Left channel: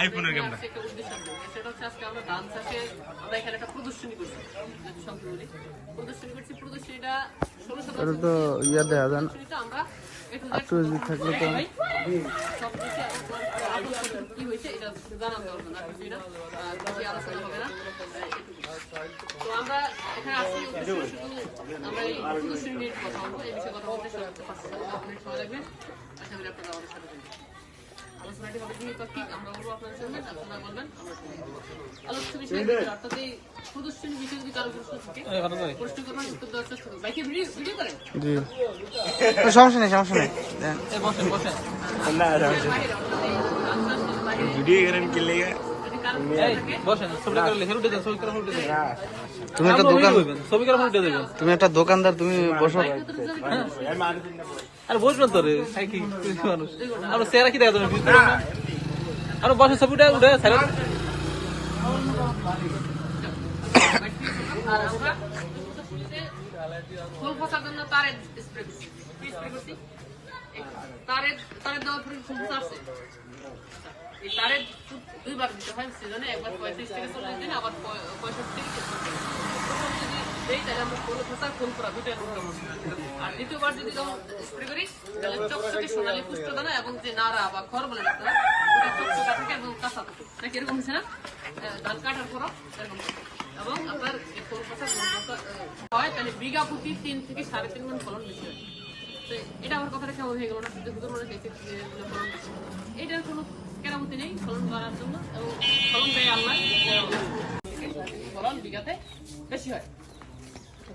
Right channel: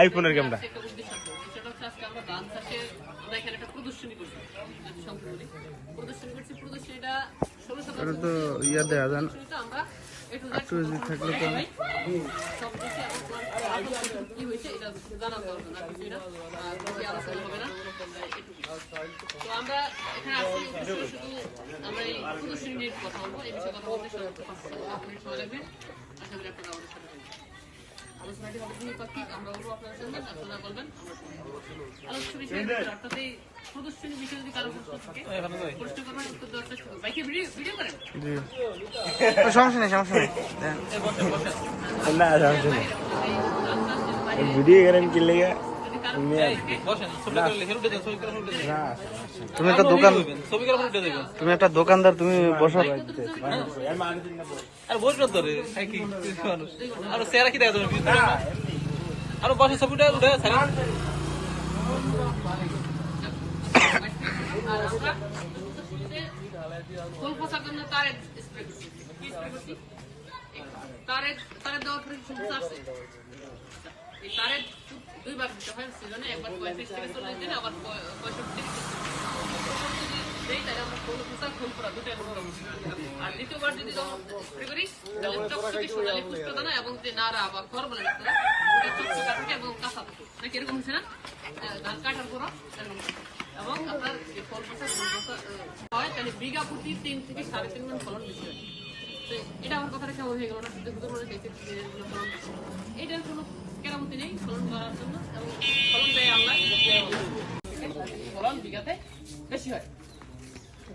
আইফোনের ক্যামেরা সেটা হচ্ছে আজকে আমরা ধান চাষে আমরা এখানে একটা প্রদর্শনী করছি। প্রদর্শনীটা 16 তো ইয়া দেয়া যান আমরা একটু থাকলে তো সব কিছু এবং কি হয়েছে এটা জানার দরকার না, কিছু না খুবই আলোচনা হবে না। তো আমরা এখানে আসছি শুধু আমরা এই প্রদর্শনী নিয়ে কথা বলবো, এই বিষয়ে কথা বলতে সর্বোচ্চ 5 মিনিট সময় লাগবে। আশা করি আপনারা আমাদের সাথে থাকবেন। আলোচনাটি হবে দ্বিপাক্ষিক, আমরা বলবো আপনারা শুনবেন, আপনারা বলবেন আমরা শুনবেন। আলোচ্য বিষয় অর্থাৎ এই প্রদর্শনী বিষয়ে যদি কারো প্রশ্ন থাকে প্রশ্ন করবেন, উত্তর দেওয়ার চেষ্টা করবেন। বাইকে ভিডিও করেন? জি সমস্যা নেই ভিডিও করেন কি লেগে তুমি একটা দোকানদার, তুমি বসো। আর বই করতে রে কি মানুষ আর সেরা কি দেখা তুমি আর বসে ছবিটা উঠে সারা আর আমরা ফুল ফসার জন্য তারে স্প্রে করছি। তারে দেওয়ার পরে ফুল ফসা আসছে। এই তারে দুইবার দিতে হয় সিজনে, একবার 35 থেকে 40 দিন, আবার 35 থেকে 40 দিন। এইটা আমরা ফুল ফসা ফুল করা দুইটাই করতে হবে। আর দ্বিতীয়বার যদি স্প্রে করি তাহলে চকচকে সোনালি পুষ্টদানা এবং যে নাড়া বা খড় বলে ডাক্তার, ওটা চকচকা থাকে এবং কাঁচা থাকে নাকি এরকম হচ্ছে না? ধান কাটার পর এরকম এবং আপনার ফুল ফসা হয় তাহলে বিঘা প্রতি 3 থেকে 3.5 মণ ফলন বেশি হয়। তো এটা আমার কথাটা কেমন হয়ে গেল না? মনে হয়েছে ফলন বেশি, এটার কোনো কেরামতি নেই ফলন বাড়ার জন্য এবং ফলন দেয় আল্লাহ, ফলন বিঘাতে বেশি হয়।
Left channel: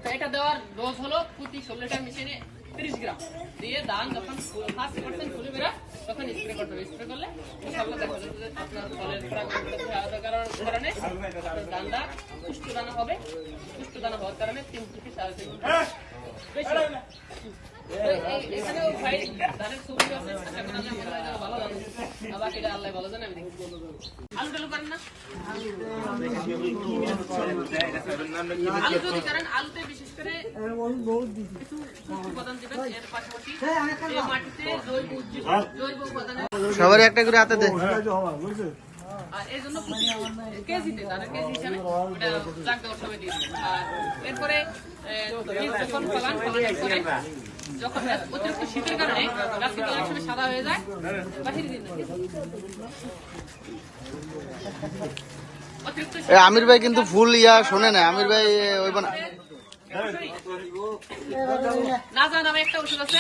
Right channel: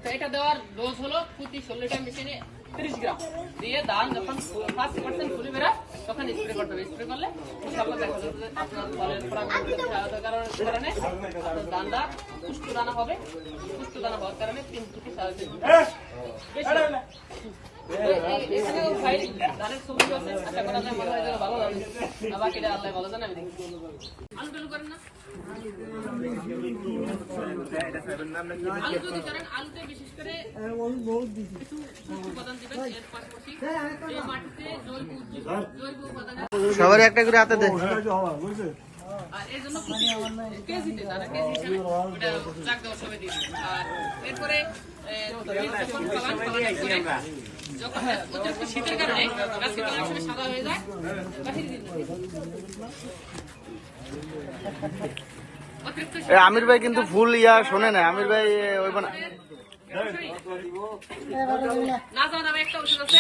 তো এটা দেওয়ার ডোজ হলো প্রতি 16 লিটার মেশিনে 30 গ্রাম দিয়ে ধান যখন 5% ফুলে বেড়ায় তখন স্প্রে করতে হবে। স্প্রে করলে ইনশাআল্লাহ দেখা যাবে আপনার ফলের কারণে ধানটা পুষ্ট দানা হবে। পুষ্ট দানা হওয়ার কারণে 3 থেকে 4.5 বেশি ধানের সবজি আছে। আশা করা যায় ভালো জানে, বাকিটা আল্লাহ ভালো জানে। আমি দেখি আলু টালু করেন না? আলু যদি করেন, আলুতে বিশেষ করে কিছু উপাদান দিবেন। এর পাশাপাশি এই মাটিতে জৈব উপাদানের সবার একটা করে হাতে দে। আর এর জন্য কেজিতে তারা কেজি হিসাবে চাক দেওয়ার সময় দিয়ে দেবেন। আর এরপরে যখন অতিরিক্ত শীতের কারণে গাছগুলো অনেক সময় সাদা হয়ে যায়, বাহির দিন আমির ভাই কিন্তু ফুল ইয়া শোনে না। আমির ভাই ওই না জান, আমি একটা ওষুধ আছে